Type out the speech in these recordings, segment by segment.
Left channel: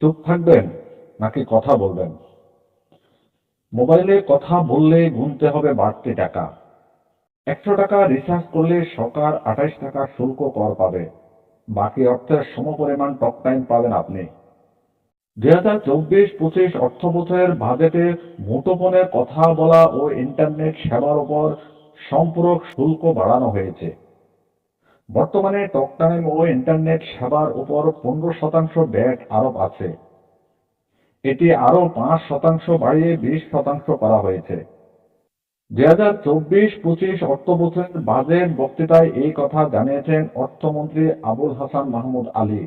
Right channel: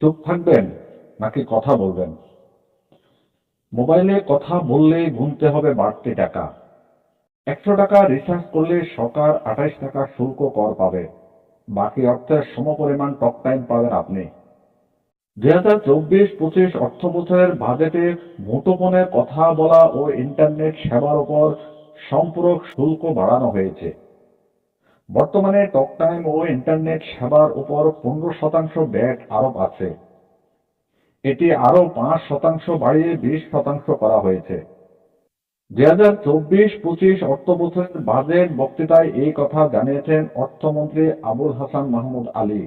চুপ থাকবেন নাকি কথা বলবেন? মোবাইলে কথা বললে গুনতে হবে বাড়তি টাকা। একশো টাকা রিচার্জ করলে সরকার আঠাইশ টাকা শুল্ক কর পাবে। বাকি অর্থের সমপরিমাণ টক টাইম পাবেন আপনি। দুই হাজার চব্বিশ পঁচিশ অর্থ বছরের বাজেটে মুঠোফোনের কথা বলা ও ইন্টারনেট সেবার উপর সম্পূরক শুল্ক বাড়ানো হয়েছে। বর্তমানে টক টাইম ও ইন্টারনেট সেবার উপর পনেরো শতাংশ ব্যাট আরোপ আছে। এটি আরও পাঁচ শতাংশ বাড়িয়ে বিশ শতাংশ করা হয়েছে। দুই হাজার চব্বিশ পঁচিশ অর্থ বছরের বাজেট বক্তৃতায় এই কথা জানিয়েছেন অর্থমন্ত্রী আবুল হাসান মাহমুদ আলী।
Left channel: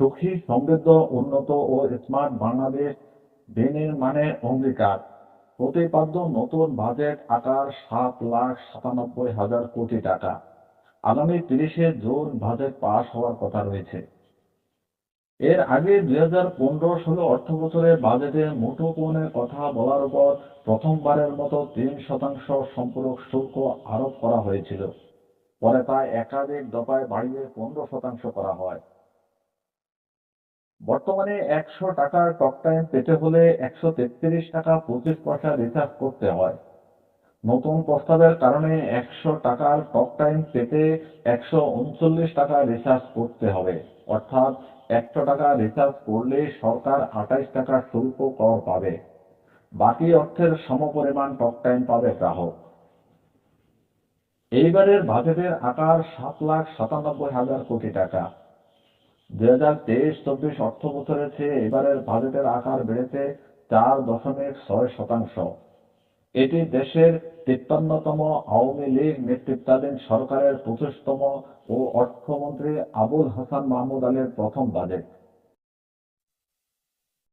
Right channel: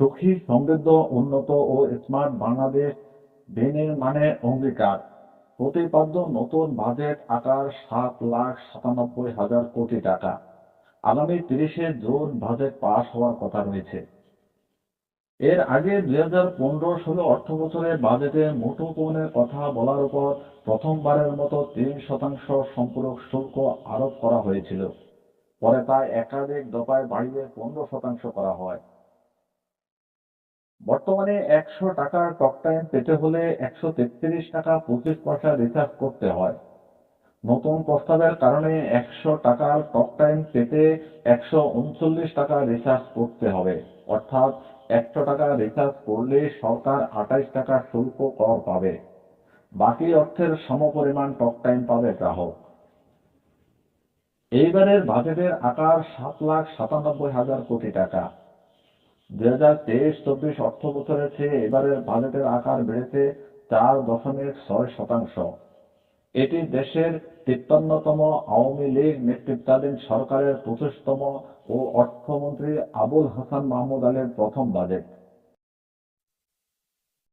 সুখী, সমৃদ্ধ, উন্নত ও স্মার্ট বাংলাদেশ বিনির্মাণে অঙ্গীকার। প্রতিপাদ্য নতুন বাজেট আকার সাত লাখ সাতানব্বই হাজার কোটি টাকা। আগামী তিরিশে জুন বাজেট পাশ হওয়ার কথা রয়েছে। এর আগে দুই হাজার পনেরো ষোলো অর্থ বছরের বাজেটে মুঠোফোনের কথা বলার উপর প্রথমবারের মতো তিন শতাংশ সম্পূরক শুল্ক আরোপ করা হয়েছিল। পরে তা একাধিক দফায় বাড়িয়ে পনেরো শতাংশ করা হয়। বর্তমানে একশো টাকার টক টাইম পেতে হলে একশো তেত্রিশ টাকা পঁচিশ পয়সা রিচার্জ করতে হয়। নতুন প্রস্তাবের কারণে একশো টাকার টক টাইম পেতে একশো উনচল্লিশ টাকা রিচার্জ করতে হবে। অর্থাৎ একশো টাকা রিচার্জ করলে সরকার আঠাইশ টাকা শুল্ক কর পাবে। বাকি অর্থের সমপরিমাণ টক টাইম পাবে গ্রাহক। এইবারের বাজেটের আকার সাত লাখ সাতানব্বই হাজার কোটি টাকা। দুই হাজার তেইশ চব্বিশ অর্থ বছরের চেয়ে এবারের বাজেটের আকার বেড়েছে চার দশমিক ছয় শতাংশ। এটি দেশের তিপ্পান্নতম আওয়ামী লীগ নেতৃত্বাধীন সরকারের পঁচিশতম ও অর্থমন্ত্রী আবুল হাসান মাহমুদ আলীর প্রথম বাজেট।